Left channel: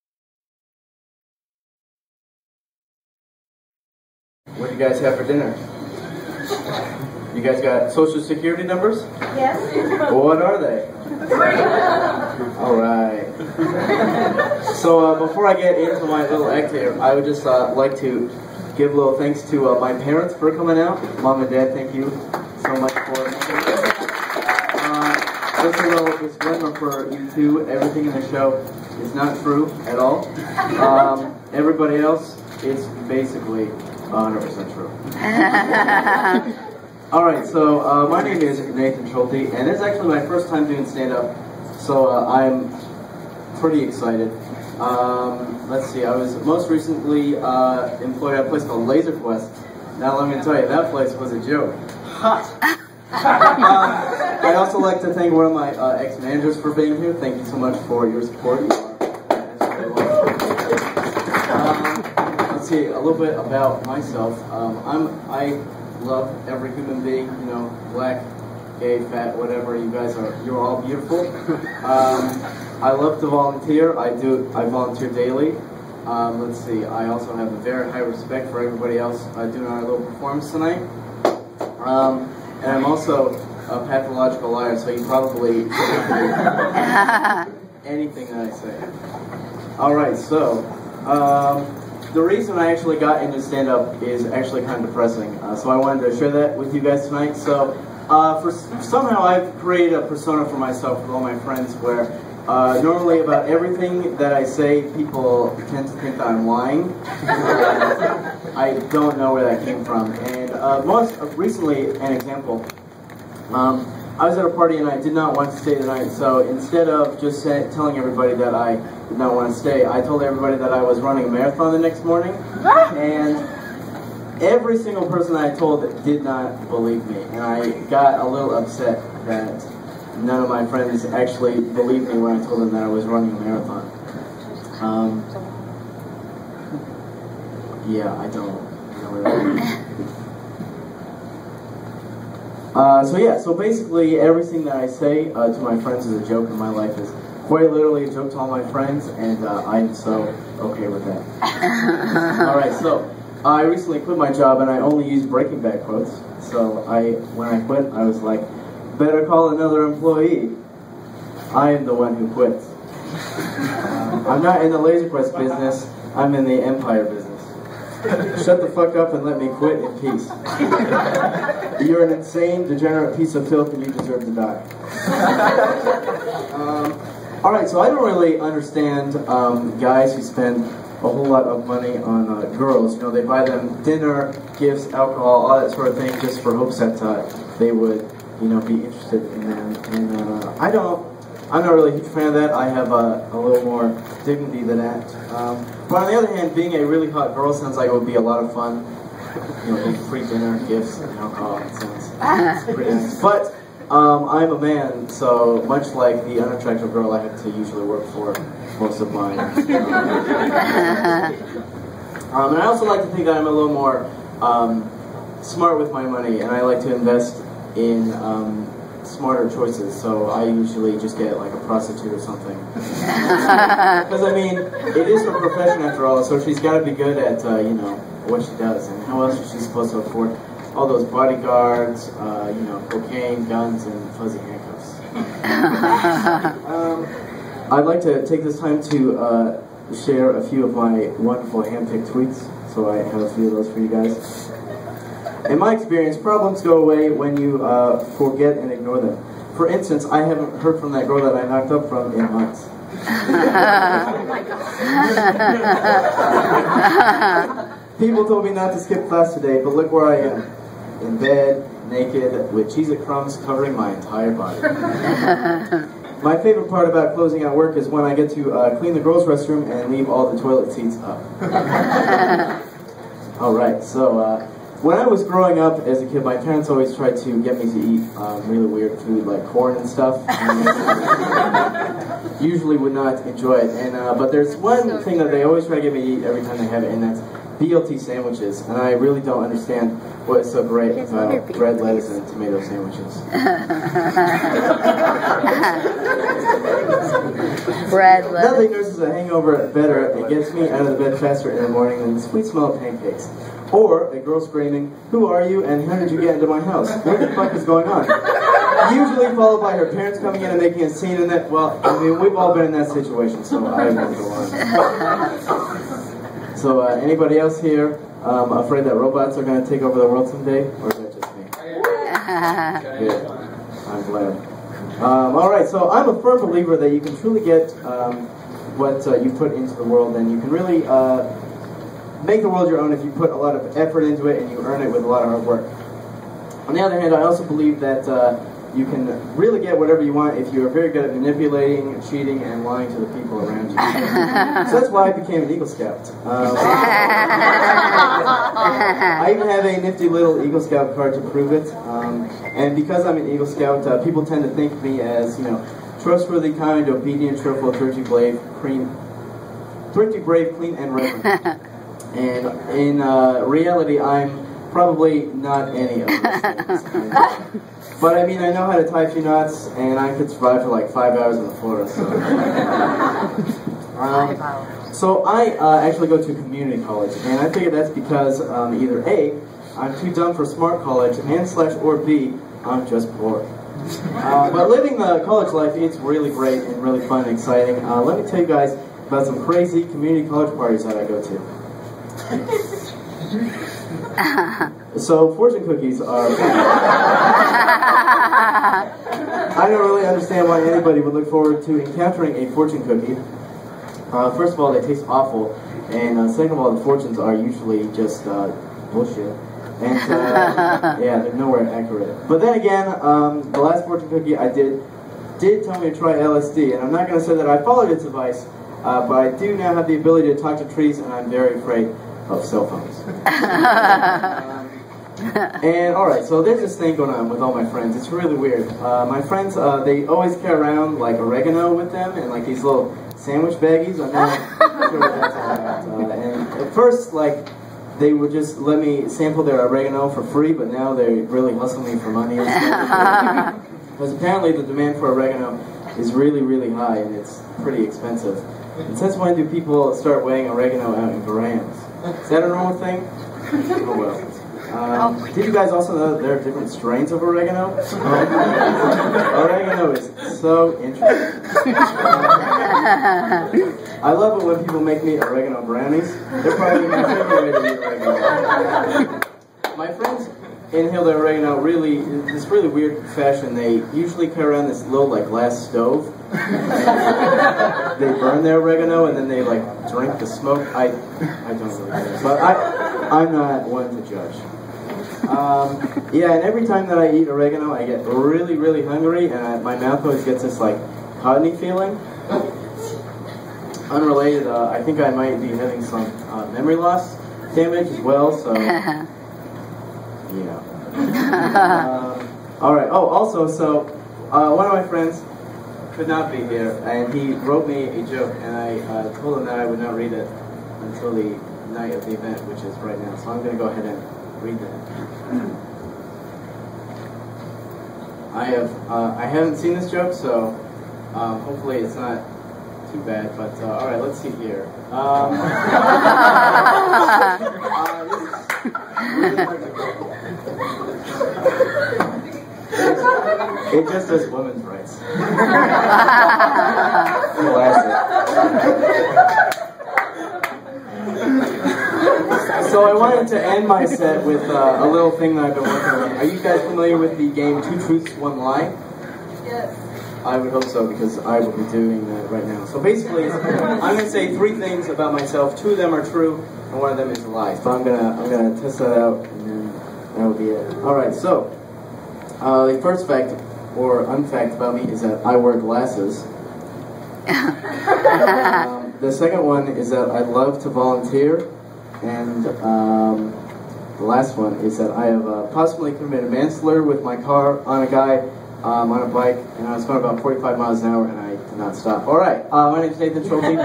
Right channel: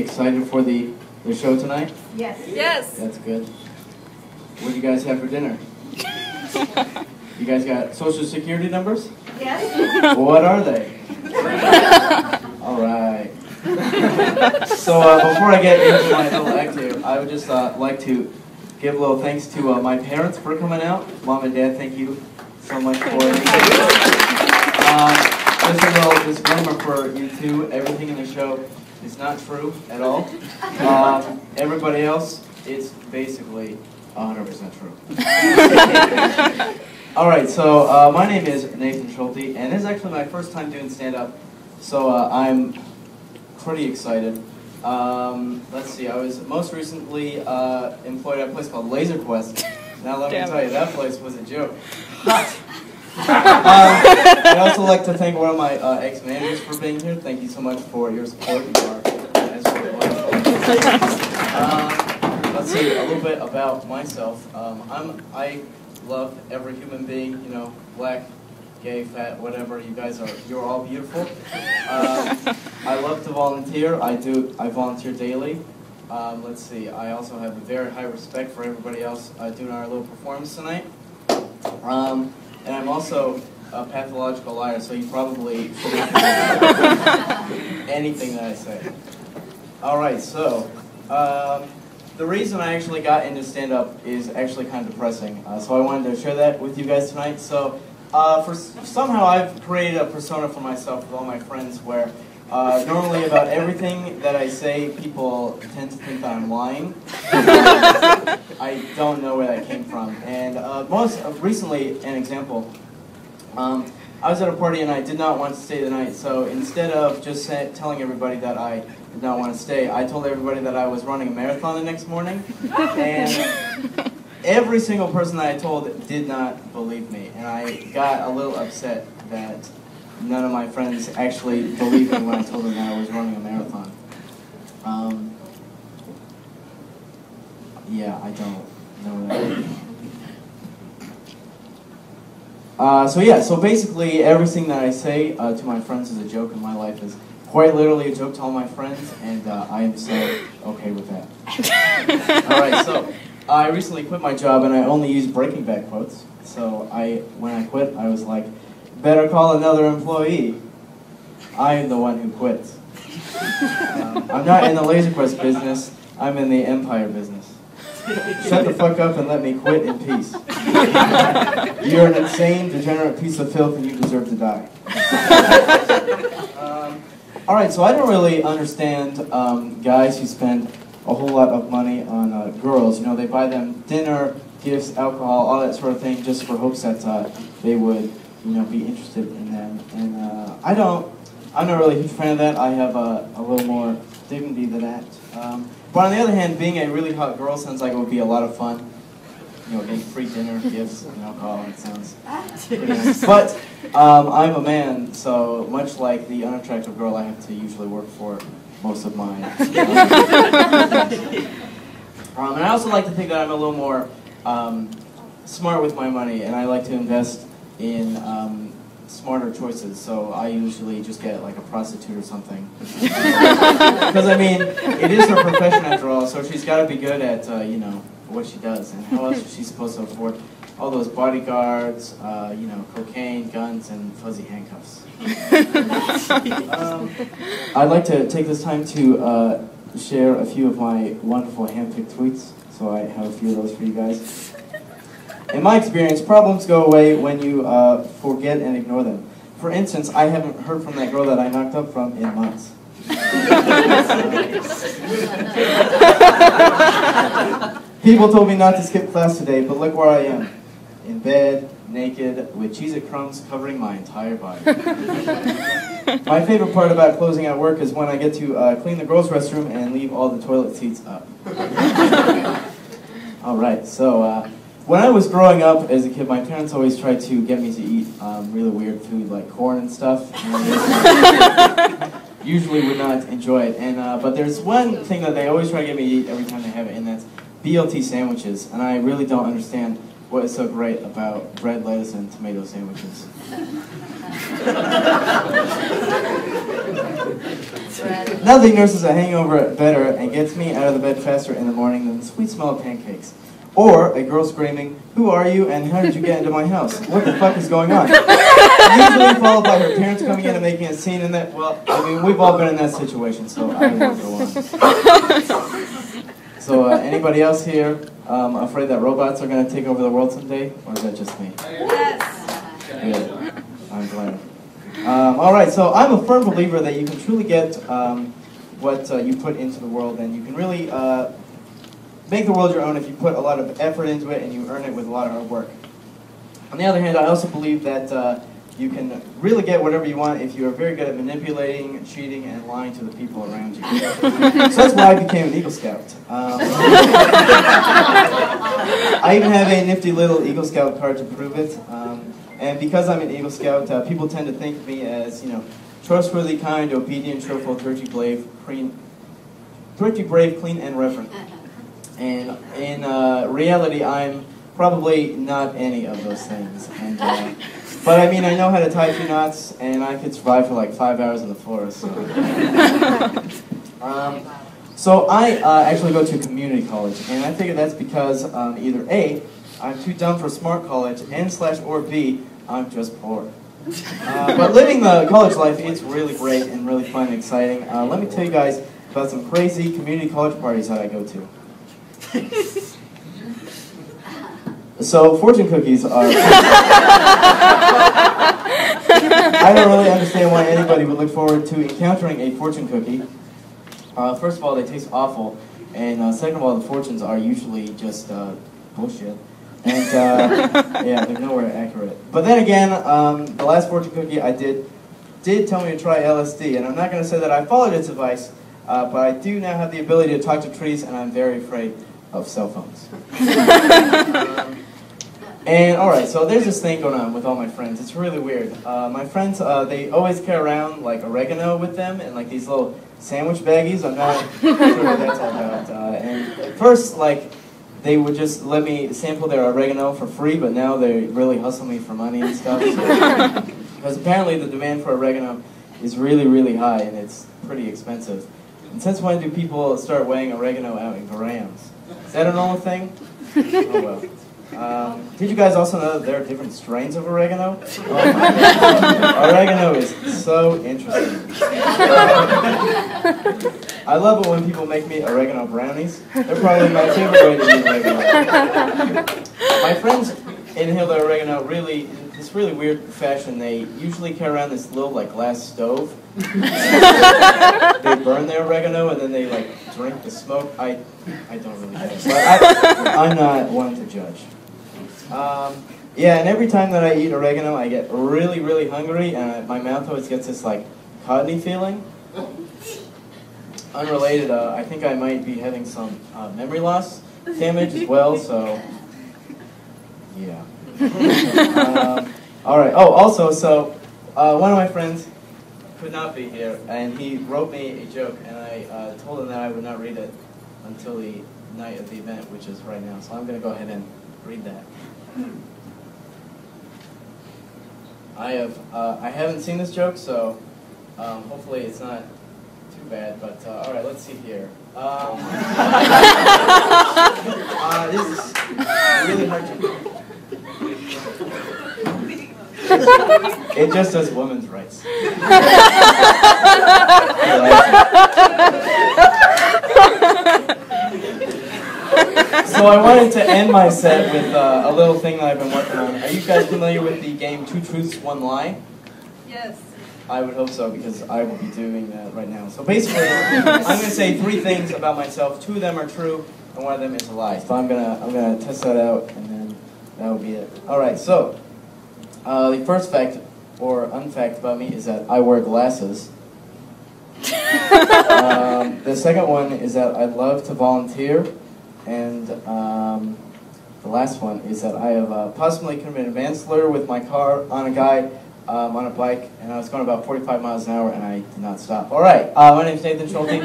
excited for the show tonight? Yes. Yes. That's good. What do you guys have for dinner? You guys got social security numbers? Yes. What are they? All right. So before I get into my little active, I would just like to give a little thanks to my parents for coming out. Mom and Dad, thank you so much for it. Just a little disclaimer for you two, everything in the show is not true at all. Everybody else, it's basically 100% true. Alright, so my name is Nathan Schulte, and this is actually my first time doing stand-up, so I'm pretty excited. Let's see, I was most recently employed at a place called Laser Quest. Now let me tell you, that place was a joke. I'd also like to thank one of my ex-managers for being here. Thank you so much for your support. Let's see, a little bit about myself. I love every human being, you know, black, gay, fat, whatever you guys are. You're all beautiful. I love to volunteer. I volunteer daily. Let's see, I also have a very high respect for everybody else doing our little performance tonight. And I'm also a pathological liar, so you probably anything that I say. Alright, so the reason I actually got into stand-up is actually kind of depressing. So I wanted to share that with you guys tonight. So somehow I've created a persona for myself with all my friends where normally about everything that I say, people tend to think I'm lying. I don't know where that came from. And most recently, an example. I was at a party and I did not want to stay tonight, so instead of just telling everybody that I did not want to stay, I told everybody that I was running a marathon the next morning, and every single person I told did not believe me, and I got a little upset that none of my friends actually believed me when I told them that I was running a marathon. Yeah, I don't know what so basically everything that I say to my friends is a joke, and my life is quite literally a joke to all my friends, and I am so okay with that. Alright, so I recently quit my job, and I only use Breaking Bad quotes. So when I quit, I was like, better call another employee. I'm the one who quits. I'm not in the Laser Quest business, I'm in the Empire business. Shut the fuck up and let me quit in peace. You're an insane, degenerate piece of filth and you deserve to die. Alright, so I don't really understand guys who spend a whole lot of money on girls. You know, they buy them dinner, gifts, alcohol, all that sort of thing just for hopes that they would, you know, be interested in them. And I'm not really a huge fan of that. I have a little more dignity than that. But on the other hand, being a really hot girl sounds like it would be a lot of fun. You know, getting free dinner, gifts, and alcohol, it sounds pretty nice. But I'm a man, so much like the unattractive girl, I have to usually work for most of mine. And I also like to think that I'm a little more smart with my money, and I like to invest in smarter choices, so I usually just get like a prostitute or something. Because I mean, it is her profession after all, so she's got to be good at you know, what she does, and how else is she supposed to afford all those bodyguards, you know, cocaine, guns, and fuzzy handcuffs. I'd like to take this time to share a few of my wonderful hand-picked tweets, so I have a few of those for you guys. In my experience, problems go away when you forget and ignore them. For instance, I haven't heard from that girl that I knocked up from in months. People told me not to skip class today, but look where I am. In bed, naked, with Cheez-It crumbs covering my entire body. My favorite part about closing out work is when I get to clean the girls' restroom and leave all the toilet seats up. Alright, so when I was growing up as a kid, my parents always tried to get me to eat really weird food like corn and stuff. And usually would not enjoy it. And but there's one thing that they always try to get me to eat every time they have it, and that's BLT sandwiches. And I really don't understand what is so great about bread, lettuce, and tomato sandwiches. Nothing nurses a hangover better and gets me out of the bed faster in the morning than the sweet smell of pancakes. Or a girl screaming, "Who are you and how did you get into my house? What the fuck is going on?" Usually followed by her parents coming in and making a scene in that. Well, I mean, we've all been in that situation, so I won't go on. So, anybody else here afraid that robots are going to take over the world someday? Or is that just me? Good. I'm glad. Alright, so I'm a firm believer that you can truly get what you put into the world, and you can really make the world your own if you put a lot of effort into it and you earn it with a lot of hard work. On the other hand, I also believe that you can really get whatever you want if you're very good at manipulating, cheating, and lying to the people around you. So that's why I became an Eagle Scout. I even have a nifty little Eagle Scout card to prove it. And because I'm an Eagle Scout, people tend to think of me as, trustworthy, kind, obedient, cheerful, thrifty, brave, clean, and reverent. And in reality, I'm probably not any of those things. But I mean, I know how to tie 2 knots, and I could survive for like 5 hours on the floor. So I actually go to community college, and I figured that's because either A, I'm too dumb for smart college, and/or B, I'm just bored. But living the college life is really great and really fun and exciting. Let me tell you guys about some crazy community college parties that I go to. So, fortune cookies are... I don't really understand why anybody would look forward to encountering a fortune cookie. First of all, they taste awful, and second of all, the fortunes are usually just bullshit. And, yeah, they're nowhere accurate. But then again, the last fortune cookie I did tell me to try LSD, and I'm not going to say that I followed its advice, but I do now have the ability to talk to trees, and I'm very afraid of cell phones. And alright, so there's this thing going on with all my friends. It's really weird. My friends, they always carry around like oregano with them and like these little sandwich baggies. I'm not sure what that's all about. And at first, like, they would just let me sample their oregano for free, but now they really hustle me for money and stuff. Because apparently the demand for oregano is really, really high, and it's pretty expensive. And since when do people start weighing oregano out in grams? Is that a normal thing? Oh well. Did you guys also know that there are different strains of oregano? Oregano is so interesting. I love it when people make me oregano brownies. They're probably my favorite way to eat oregano. My friends inhale their oregano in this really weird fashion. They usually carry around this little like glass stove. They burn their oregano and then they like drink the smoke. I don't really know. But I'm not one to judge. Yeah, and every time that I eat oregano, I get really, really hungry, and my mouth always gets this like cotton-y feeling. Unrelated, I think I might be having some memory loss damage as well, so yeah. Alright, oh, also, so one of my friends could not be here, and he wrote me a joke, and I told him that I would not read it until the night of the event, which is right now, so I'm going to go ahead and read that. I haven't seen this joke, so hopefully it's not too bad, but alright, let's see here. This is really hard to do. It just says women's rights. So I wanted to end my set with a little thing that I've been working on. Are you guys familiar with the game 2 Truths, 1 Lie? Yes. I would hope so, because I will be doing that right now. So basically, I'm going to say 3 things about myself. 2 of them are true, and 1 of them is a lie. So I'm gonna test that out, and that'll be it. Alright, so the first fact, or unfact about me, is that I wear glasses. The second one is that I love to volunteer. And the last one is that I have possibly committed manslaughter with my car on a guy on a bike, and I was going about 45 miles an hour, and I did not stop. All right, my name is Nathan Schulte.